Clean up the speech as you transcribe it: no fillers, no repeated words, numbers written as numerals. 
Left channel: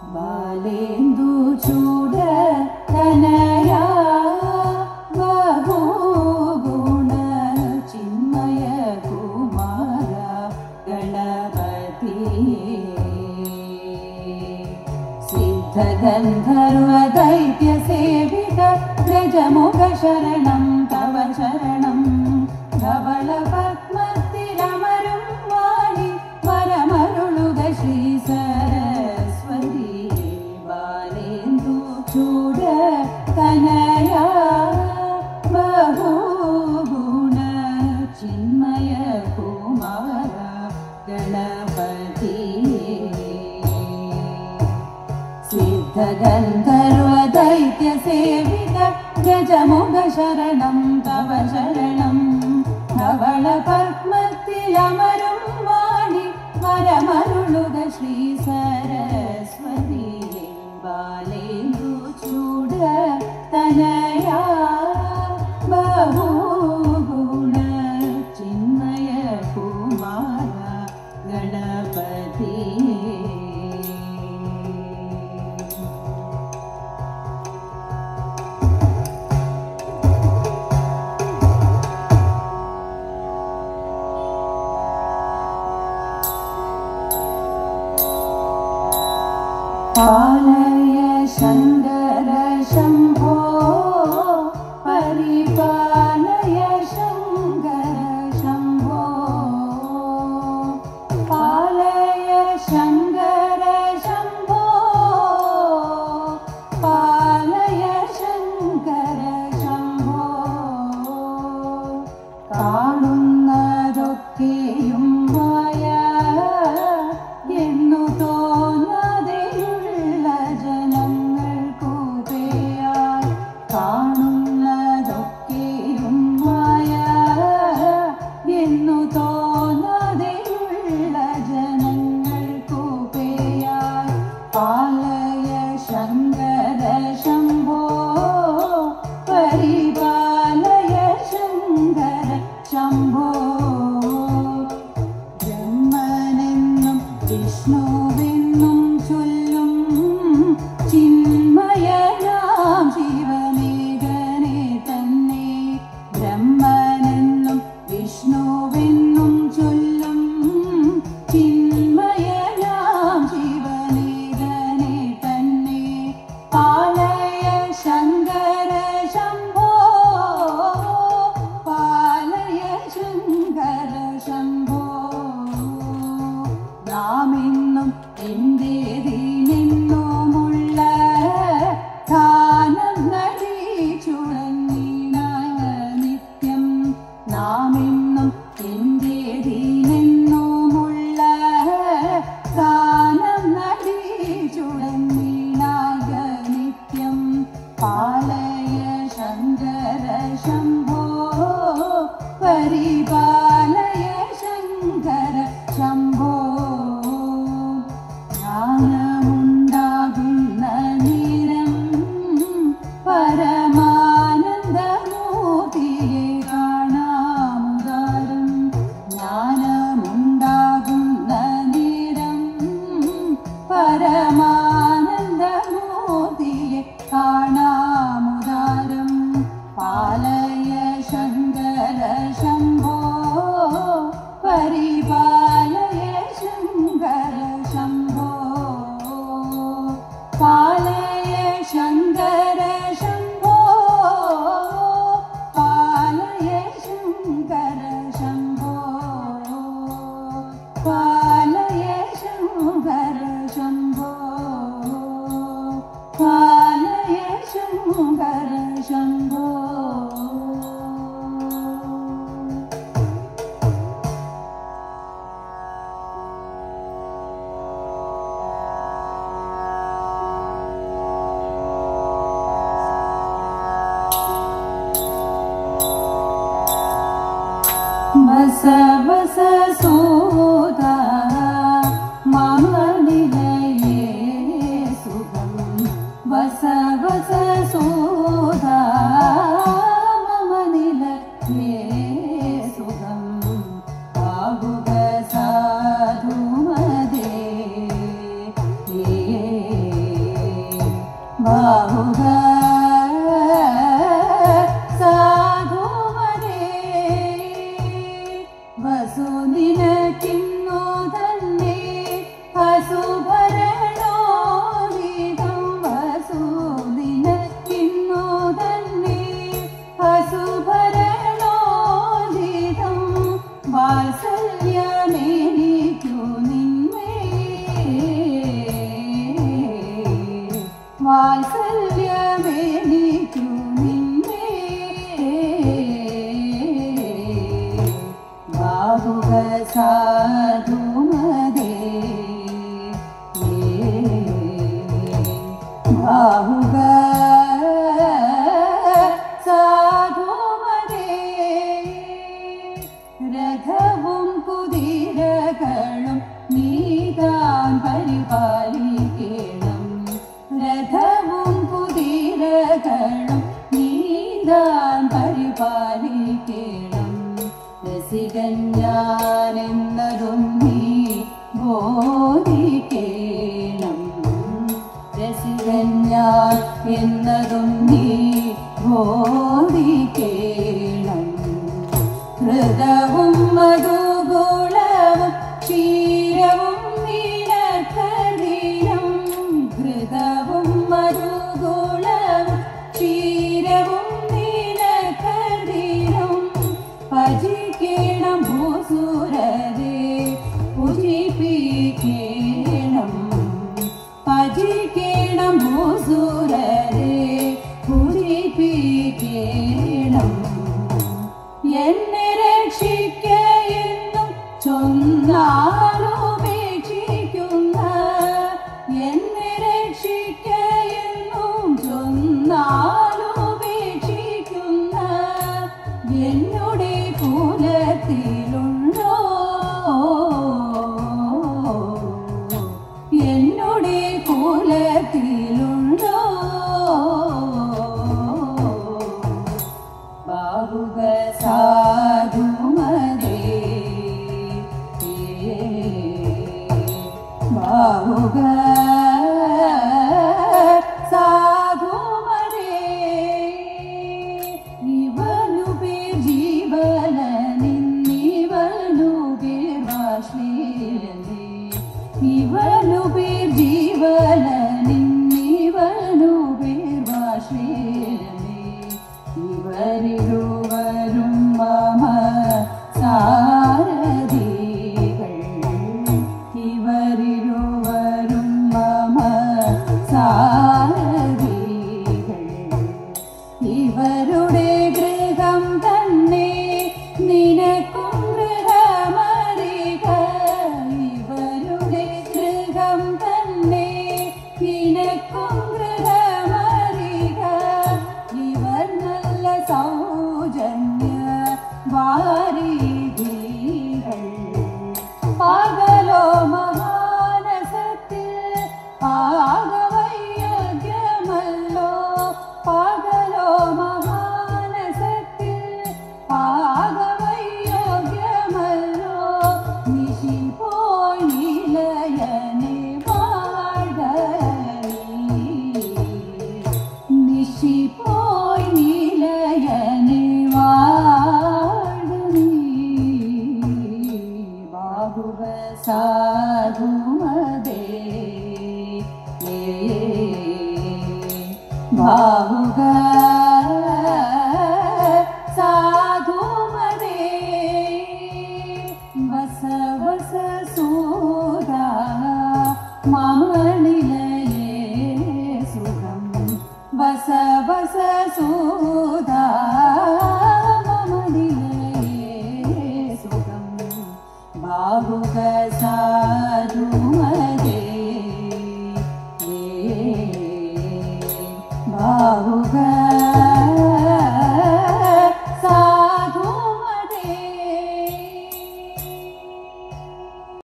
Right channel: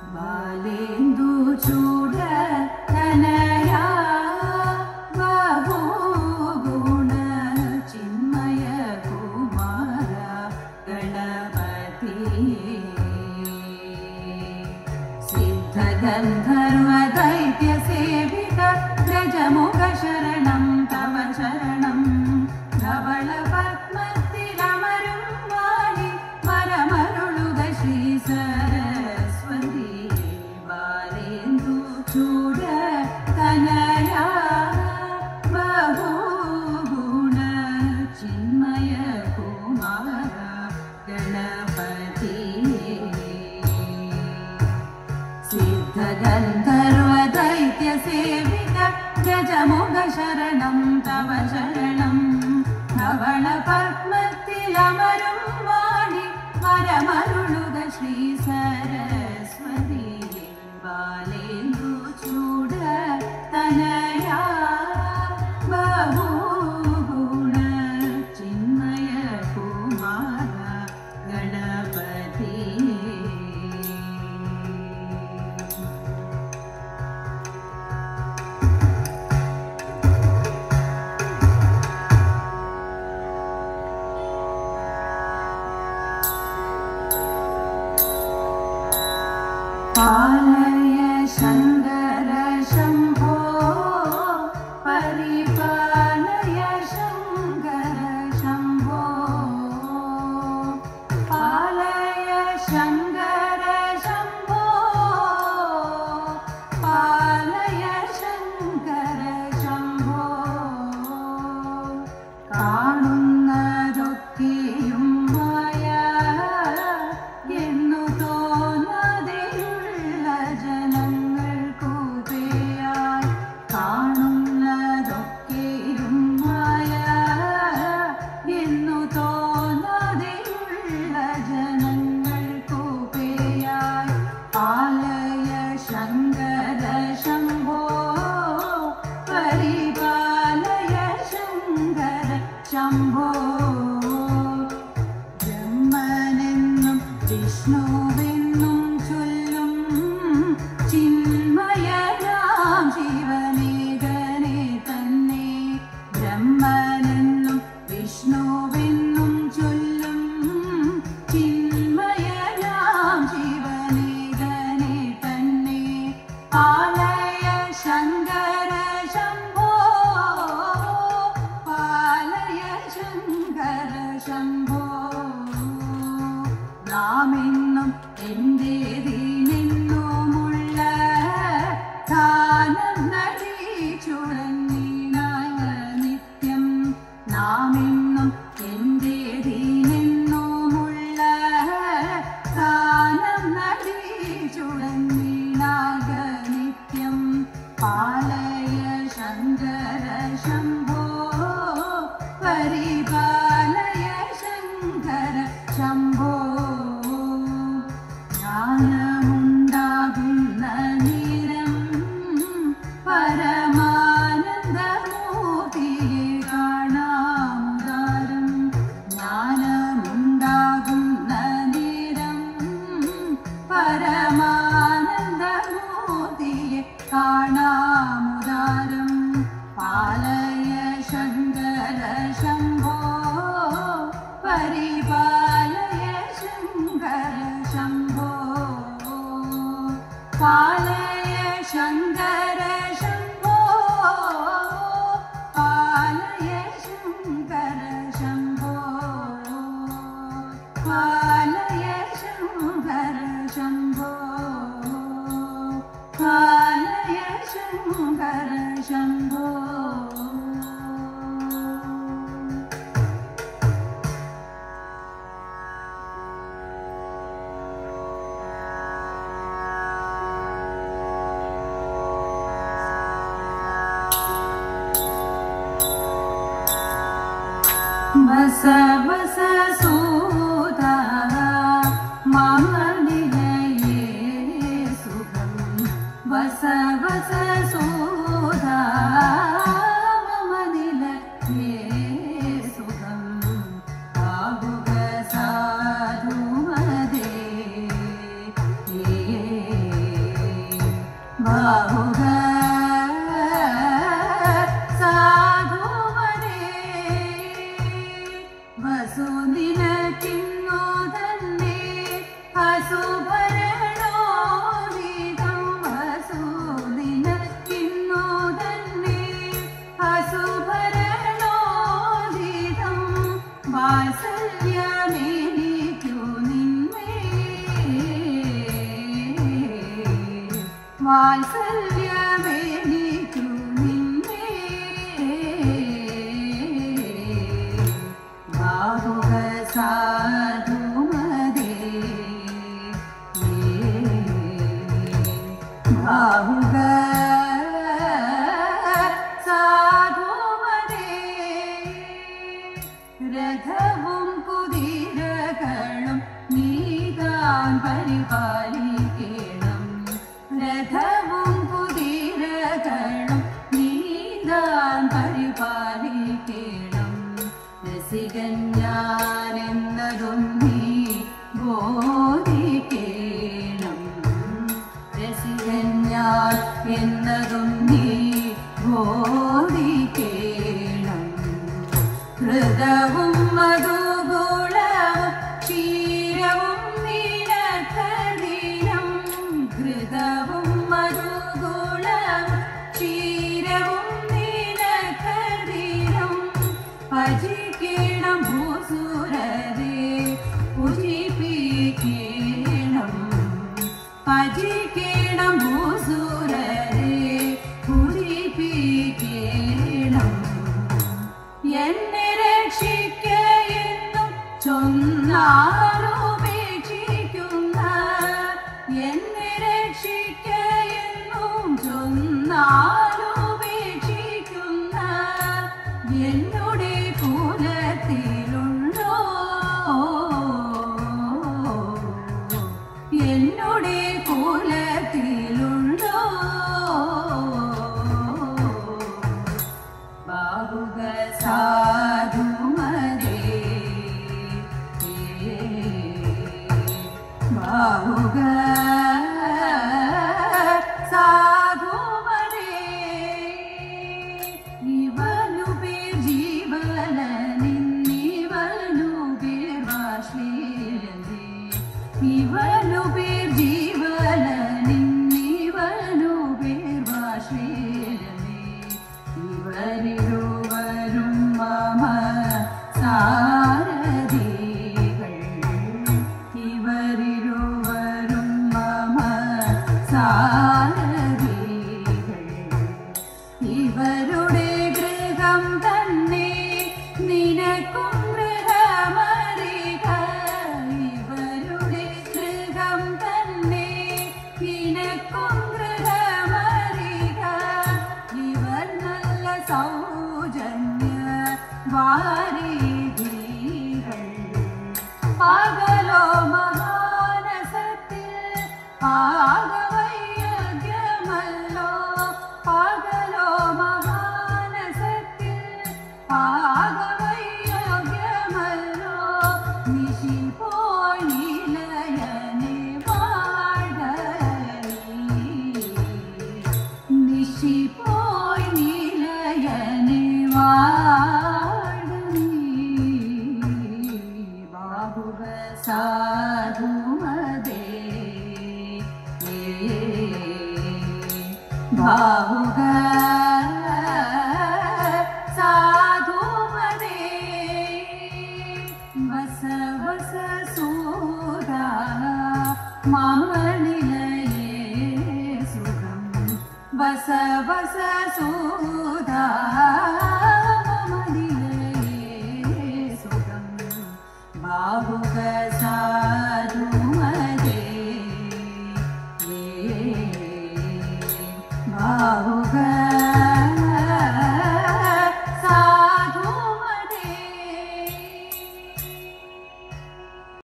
ಬಾಲೆಂದು ಚೂಡ ತನಯ ಬಹುಗುಣ ಚಿನ್ಮಯ ಕುಮಾರ ಗಣಪತಿಯೇ ಸಿದ್ಧ ಗಂಧರ್ವ ದೈತ್ಯ ಸೇವಿತ ಗಜಮುಖ ಶರಣಂ ತವ ಶರಣಂ ಧವಳ ಪದ್ಮತಿರಮರುಂ ವಾಣಿ ವರಮರುಳುಗ ಶ್ರೀ ಸರಸ್ವತಿ ಬಾಲೆಂದು ಚೂಡ ತನಯ ಬಹುಗುಣ ಚಿನ್ಮಯ ಕುಮಾರ ಗಣಪತಿಯೇ ಸಿದ್ಧ ಗಂಧರ್ವ ದೈತ್ಯ ಸೇವಿತ ಗಜಮುಖ ಶರಣಂ ತವ ಶರಣಂ ಧವಳ ಪದ್ಮತಿಲಮರುಂ ವಾಣಿ ವರಮರುಳುಗ ಶ್ರೀ ಸರಸ್ವತಿ ಬಾಲೆಂದು ಚೂಡ ತನಯ ಬಹುಗುಣ ಚಿನ್ಮಯ ಕುಮಾರ ಗಣಪತಿಯೇ पालय शङ्कर शम्भो परिपालय शङ्कर शम्भो पालय शङ्कर शम्भो पालय शङ्कर शम्भो കാണുന്നതൊക്കെയും മായ എന്നു തോന്നതെയുള്ള ജനങ്ങൾക്കു പേയായി കാണുന്നതൊക്കെയും മായ എന്നു തോന്നതെയുള്ള ജനങ്ങൾക്കു പേയായി പാലയ ശങ്കര ശംഭോ പരിപാലയ ശങ്കര ശംഭോ ബ്രഹ്മനെന്നും വിഷ്ണുവെന്നും ചൊല്ലും ചിന്മയനാം ശിവനേകനെ തന്നെ ബ്രഹ്മനെന്നും വിഷ്ണുവെന്നും ചൊല്ലും ചിന്മയനാം ശിവനേകനെ തന്നെ പാലയ ശങ്കര ശംഭോ പാലയ ശങ്കര ശംഭോ നാമെന്നും എന്റേതിനെന്നുമുള്ള ധാനം നടിച്ചുടങ്ങിനായ നിത്യം നാമെന്നും എന്റേതിനെന്നുമുള്ള ധാനം നടിച്ചുടങ്ങിനായ നിത്യം പാലയ ശങ്കര ശംഭോ പരിപാലയ ശങ്കര ശംഭോ ജ്ഞാനമുണ്ടാകുന്ന നേരം പരമാനന്ദമൂർത്തിയെ കാണാമുദാരം ജ്ഞാനമുണ്ടാകുന്ന നേരം പരമാനന്ദമൂർത്തിയെ കാണാമുദാരം പാലയ ശങ്കര ശംഭോ പരിപാലയ ശങ്കര ശംഭോ പാലയ ശങ്കര ശംഭോ പാലയ ശങ്കര ശംഭോ പാലയ ശങ്കര ശംഭോ പാലയ ശങ്കര ശംഭോ बस बस सूदा मम निलये सुखं बस बस सूदा मम निलये सुखं साधु मदे രക്ഷിക്കയെന്നും ചൊന്നാലുപേക്ഷിക്കുന്ന എന്നുടെ കുലത്തിലുണ്ടോ എന്നുടെ കുലത്തിലുണ്ടോ ബാഹുക സാധുമതേ ബാഹുക സാധുമതേ ഇവനു പേർ ജീവനിന്നിവനു പേർ വാശ്ലീലനേ ഇവനു പേർ ജീവനിന്നിവനു പേർ വാശ്ലീലനേ ഇവരിരുവരും മമ സാരഥികൾ ഇവരിരുവരും മമ സാരഥികൾ ഇവരുടെ ഗൃഹം തന്നെ നിനക്കും ഗൃഹമറിക ഇവരുടെ ഗൃഹം തന്നെ നിനക്കും ഗൃഹമറിക ഇവർ നല്ല സൗജന്യ വാരിധികൾ പകലോ മഹാനസത്തിൽ പാകവൈയഗ്യമല്ലോ പകലോ മഹാനസത്തിൽ പാകവൈയഗ്യമല്ലോ നിശി പോയി നിലയനെ വാഴ നിശി പോയി നിലയനെ വാഴ ബാഹുക സാധുമതേ ബാഹുക സാധുമതേ വസ വസ സൂദ